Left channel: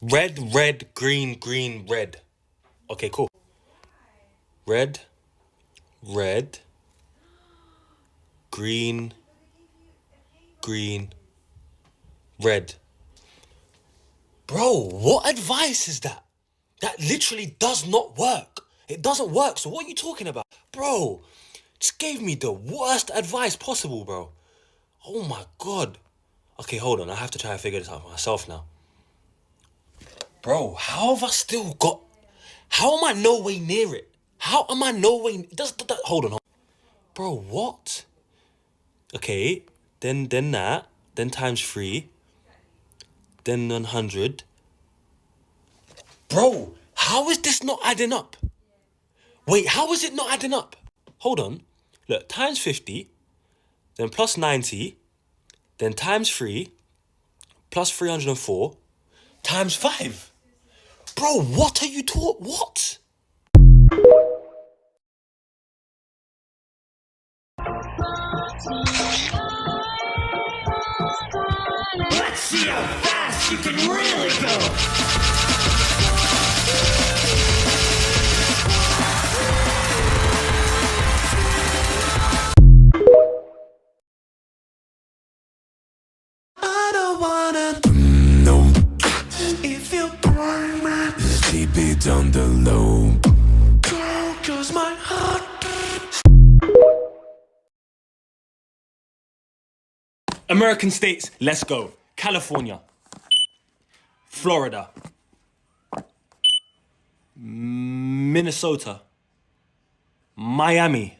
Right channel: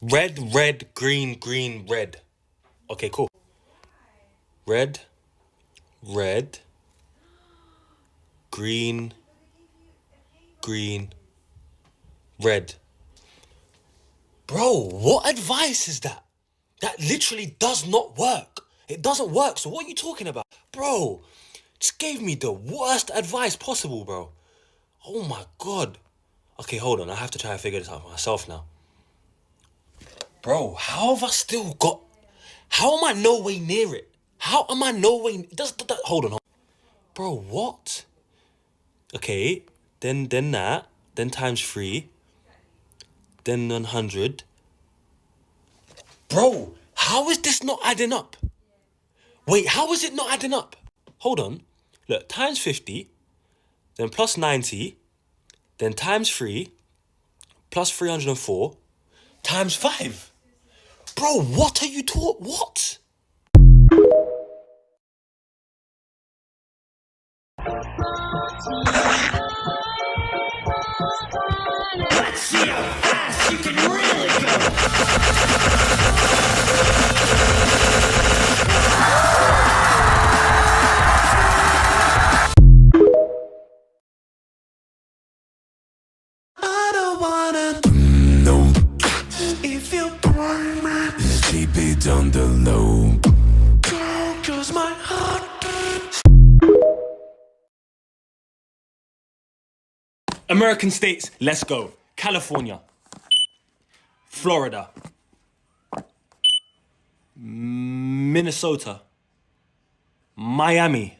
Red, red, green, green, red. Okay, cool. Red, red, green, green, red. Bro, what advice is that? That literally does not work. It doesn't work. So what are you talking about? Bro, just gave me the worst advice possible, bro. Oh my God. Okay, hold on. I have to try and figure this out for myself now. Bro, how have I still got... How am I no way near it? How am I no way... Hold on. Bro, what? Okay, then that. Then times 3. Then 100. Bro, how is this not adding up? Wait, how is it not adding up? Hold on. Look, times 50. Then plus 90. Then times 3. Plus 304. Times 5. Bro, what are you taught? What? Let's see how fast you can really go. I don't wanna know if you burn my keep it on the low. Cause my heart. American states, let's go. California. Florida. Minnesota. Miami.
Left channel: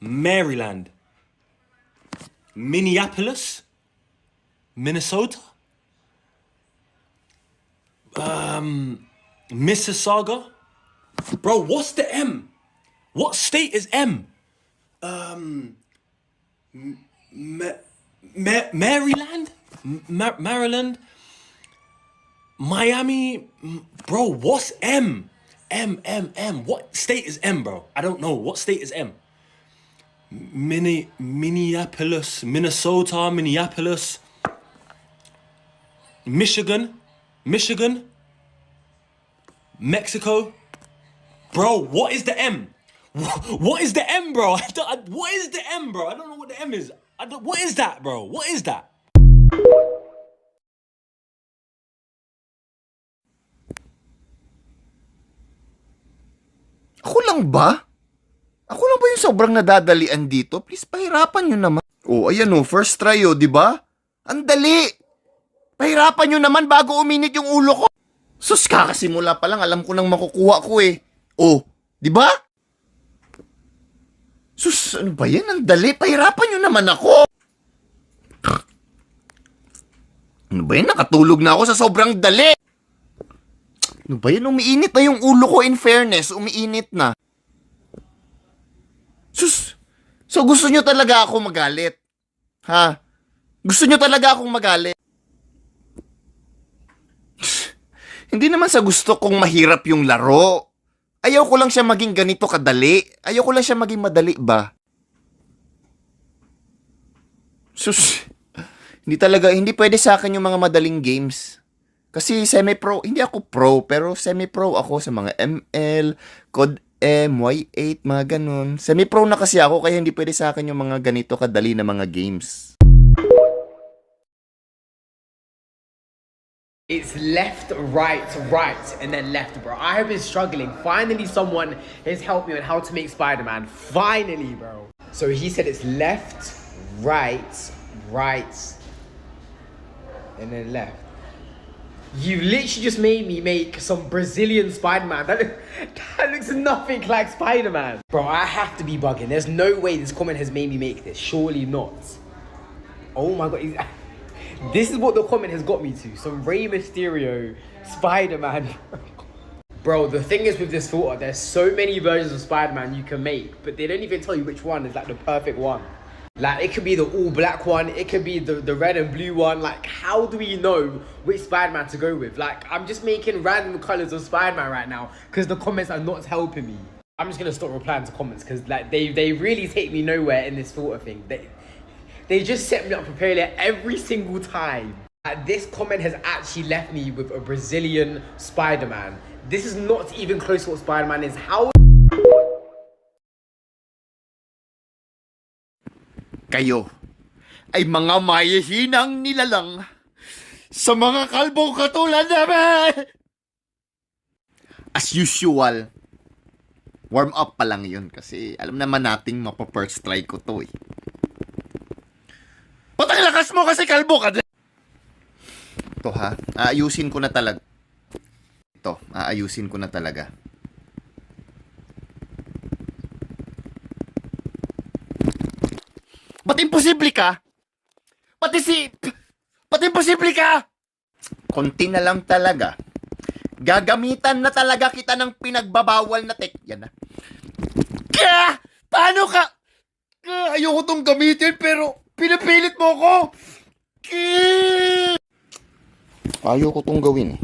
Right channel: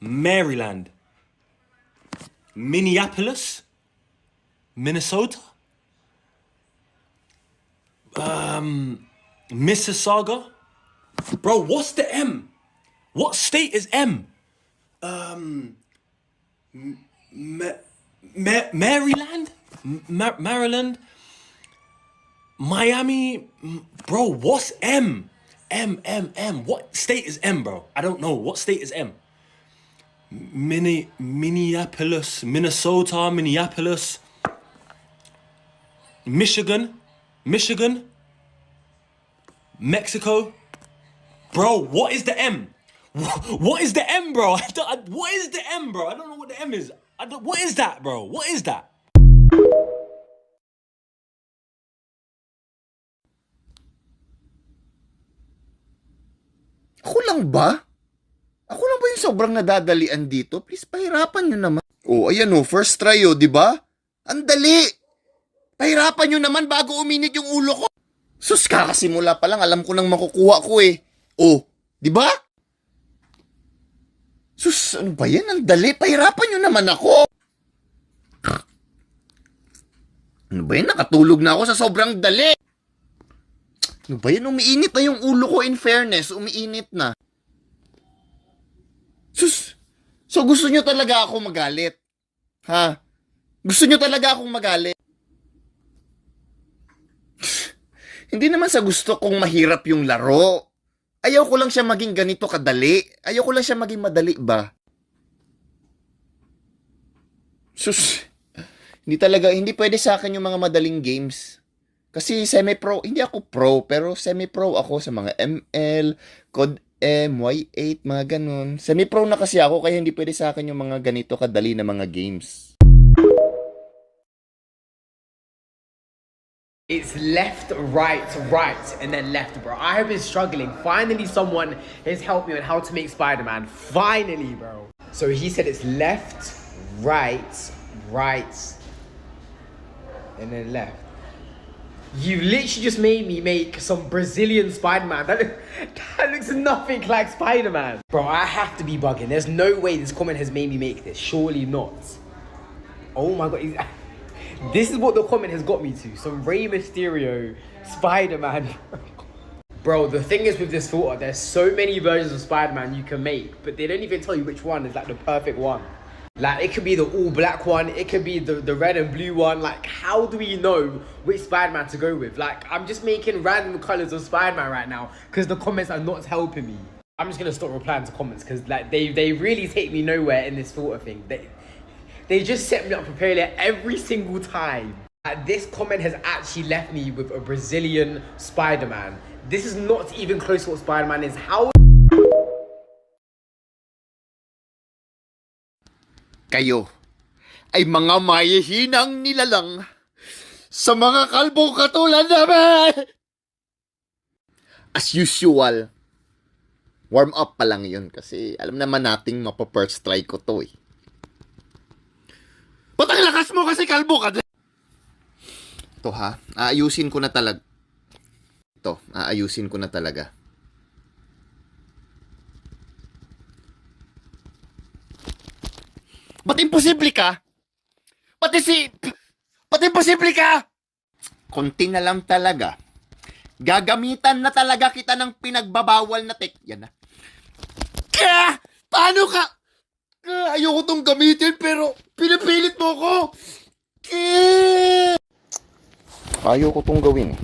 Maryland. Minneapolis. Minnesota. Mississauga. Bro, what's the M? What state is M? Maryland? Maryland? Miami? Bro, what's M? M. What state is M, bro? I don't know. What state is M? Minneapolis, Minnesota, Minneapolis, Michigan, Mexico. Bro, what is the M? What is the M, bro? What is the M, bro? I don't know what the M is. What is that, bro? What is that? Ako lang ba? Ako lang ba yung sobrang nadadalian dito? Please, pahirapan nyo naman. Oh, ayan oh, first try oh, di ba? Ang dali! Pahirapan nyo naman bago uminit yung ulo ko. Sus, kakasimula pa lang, alam ko nang makukuha ko eh. Oh, di ba? Sus, ano ba yan? Ang dali, pahirapan nyo naman ako. Ano ba yan? Nakatulog na ako sa sobrang dali. Ano ba yan? Umiinit na yung ulo ko, in fairness. Umiinit na. Sus! So gusto nyo talaga ako magalit? Ha? Gusto nyo talaga akong magalit? Hindi naman sa gusto kong mahirap yung laro. Ayaw ko lang siya maging ganito kadali. Ayaw ko lang siya maging madali ba? Sus! Hindi pwede sa akin yung mga madaling games. Kasi semi-pro, hindi ako pro, pero semi-pro ako sa mga ML, COD M, Y8, mga ganun. Semi-pro na kasi ako, kaya hindi pwede sa akin yung mga ganito kadali na mga games. It's left, right, and then left, bro. I have been struggling. Finally, someone has helped me on how to make Spider-Man. Finally, bro. So he said it's left, right, and then left. You literally just made me make some Brazilian Spider-Man. That looks nothing like Spider-Man. Bro, I have to be bugging. There's no way this comment has made me make this. Surely not. Oh my God. This is what the comment has got me to. Some Rey Mysterio Spider-Man. Bro, the thing is with this filter, there's so many versions of Spider-Man you can make, but they don't even tell you which one is like the perfect one. Like, it could be the all-black one, it could be the red and blue one. Like, how do we know which Spider-Man to go with? Like, I'm just making random colors of Spider-Man right now because the comments are not helping me. I'm just gonna stop replying to comments because, like, they really take me nowhere in this filter thing. They just set me up for failure every single time. This comment has actually left me with a Brazilian Spider-Man. This is not even close to what Spider-Man is. How? Kayo ay mga mahihinang nilalang sa mga kalbong katulad namin. As usual, warm up pa lang yun kasi alam naman nating mapa-first try ko to eh. Patang lakas mo kasi kalbo ka. Ito ha, aayusin ko na talaga. Ito, aayusin ko na talaga. Ba't imposible ka? Ba't imposible ka? Konti na lang talaga. Gagamitan na talaga kita ng pinagbabawal na yan na. Paano ka? Ayoko tong gamitin pero pinipilit mo ko. Ayoko tong gawin eh.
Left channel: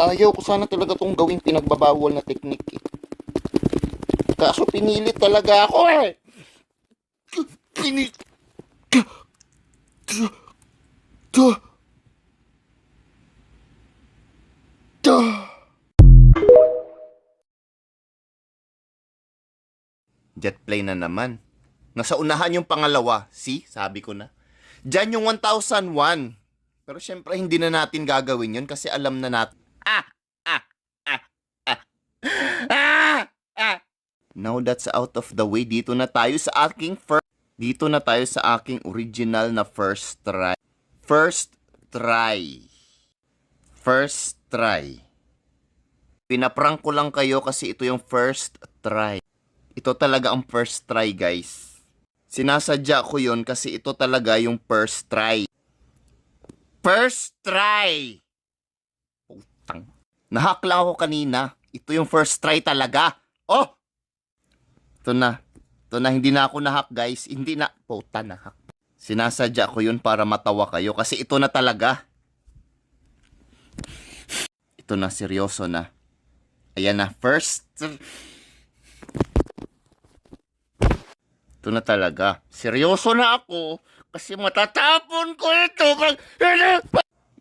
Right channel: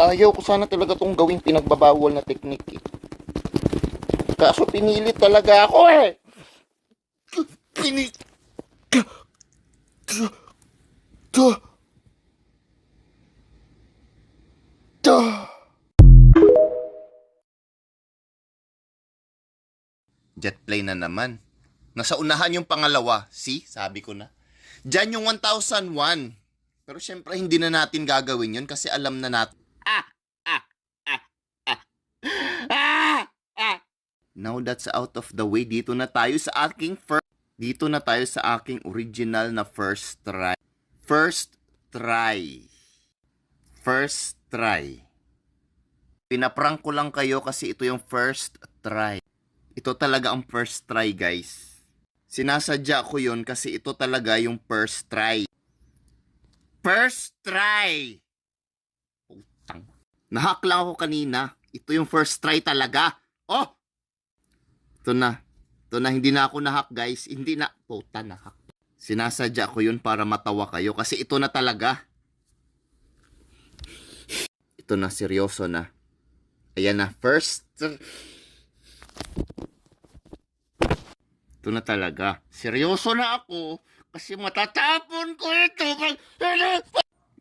Ayoko sana talaga tong gawin pinagbabawal na teknik eh. Kaso pinilit talaga ako eh. Jetplay na naman. Nasa unahan yung pangalawa. See? Sabi ko na. Diyan yung 1001. Pero syempre hindi na natin gagawin yun kasi alam na natin. Now that's out of the way. Dito na tayo sa aking original na first try. First try. Pinaprank ko lang kayo kasi ito yung first try. Ito talaga ang first try, guys. Sinasadya ko yun kasi ito talaga yung first try. First try! Putang. Nahack lang ako kanina. Ito yung first try talaga. Oh! Ito na, hindi na ako nahack, guys. Hindi na. Puta, nahack. Sinasadya ko yun para matawa kayo kasi ito na talaga. Ito na, seryoso na. Ayan na, first. Ito na talaga. Seryoso na ako kasi matatapon ko ito.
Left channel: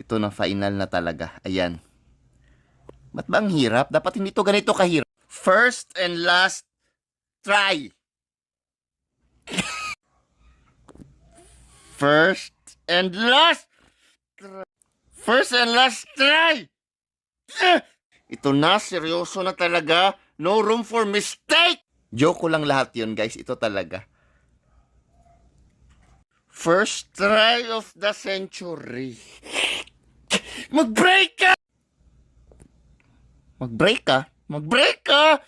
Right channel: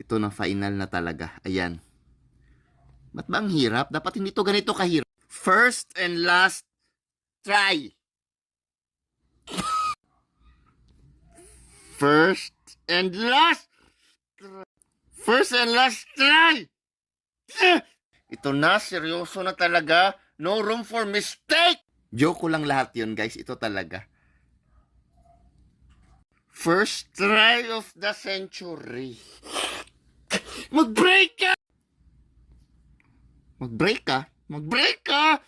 Ito na, final na talaga. Ayan. Ba't ba ang hirap? Dapat hindi to ganito kahirap. First and last try. First and last try. Ito na, seryoso na talaga. No room for mistake. Joke ko lang lahat yun, guys. Ito talaga. First try of the century. Mag-break ka! Mag-break ka? Mag-break ka!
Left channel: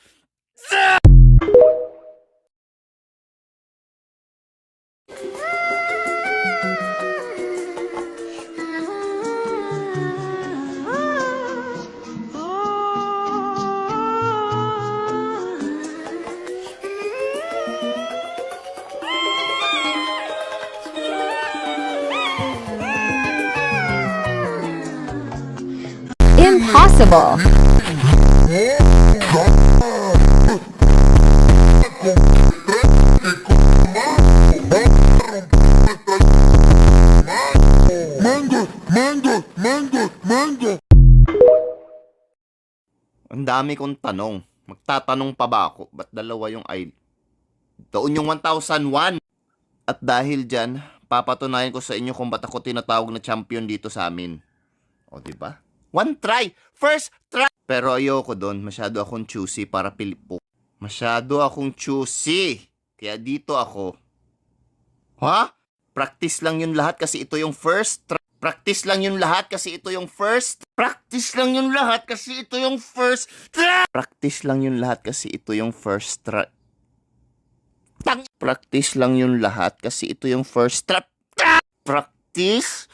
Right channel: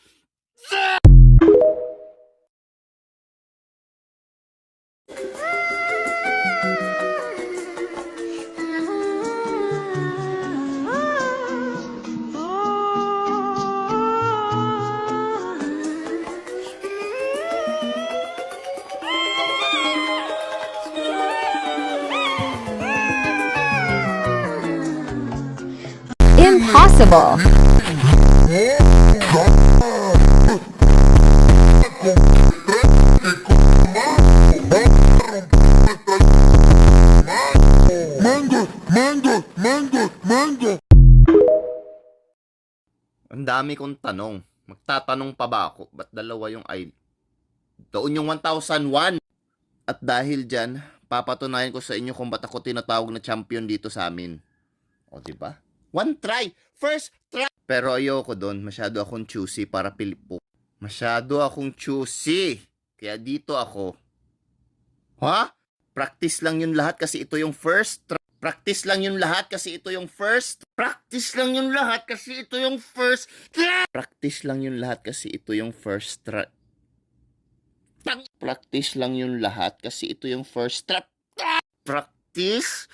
Impossible. Ang dami kong tanong. Magtatanong pa ba ako? Ba't dalawa yung ay... Doon yung 1001. At dahil dyan, papatunayan ko sa inyo kung ba't ako tinatawag na champion dito sa amin. O, diba? One try! First try! Pero ayoko doon. Masyado akong choosy para pilipo. Masyado akong choosy. Kaya dito ako. Ha? Practice lang yun lahat kasi ito yung first try. Practice lang yung lahat kasi ito yung first. Practice lang yung lahat kasi ito yung first. Practice lang yung lahat kasi ito yung first try. Practice lang yung lahat kasi ito yung first trap. Practice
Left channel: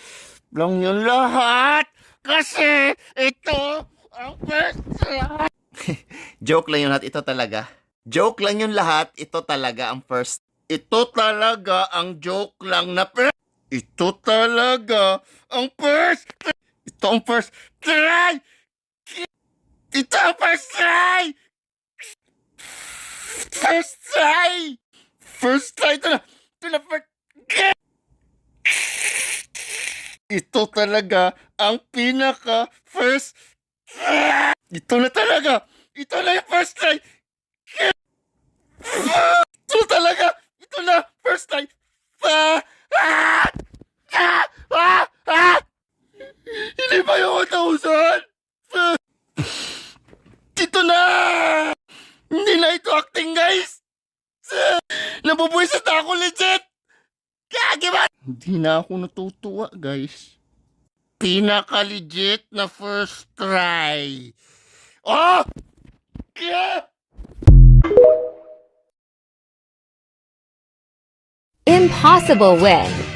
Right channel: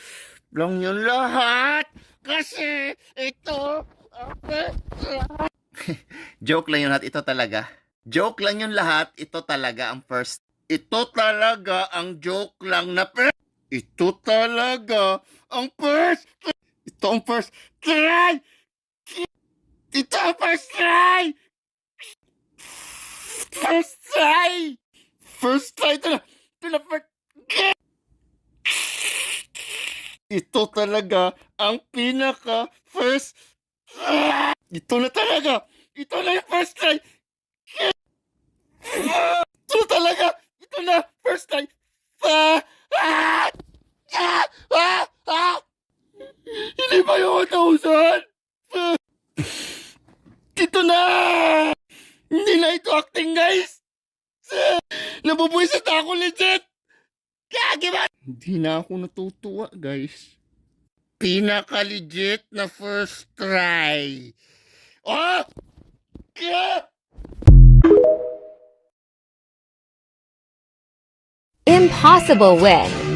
lang yung lahat kasi ito ang first trap. Joke lang yung lahat. Ito talaga. Joke lang yung lahat. Ito talaga ang first. Ito talaga ang joke lang na first. Ito talaga ang first. Ito ang first try. Ito ang first try. First try. First try. Ito na first. Ito talaga ang pinaka first. Ito na talaga. Ito na yung first try. Ito talaga. Ito na first try. Hindi ba yung 1,000? Ito na! Hindi na ito acting, guys! Nabubuisit na ako legit! Kagi ba? Hindi na ako natutuwa, guys. Pinaka-legit na first try. Oh! Impossible win.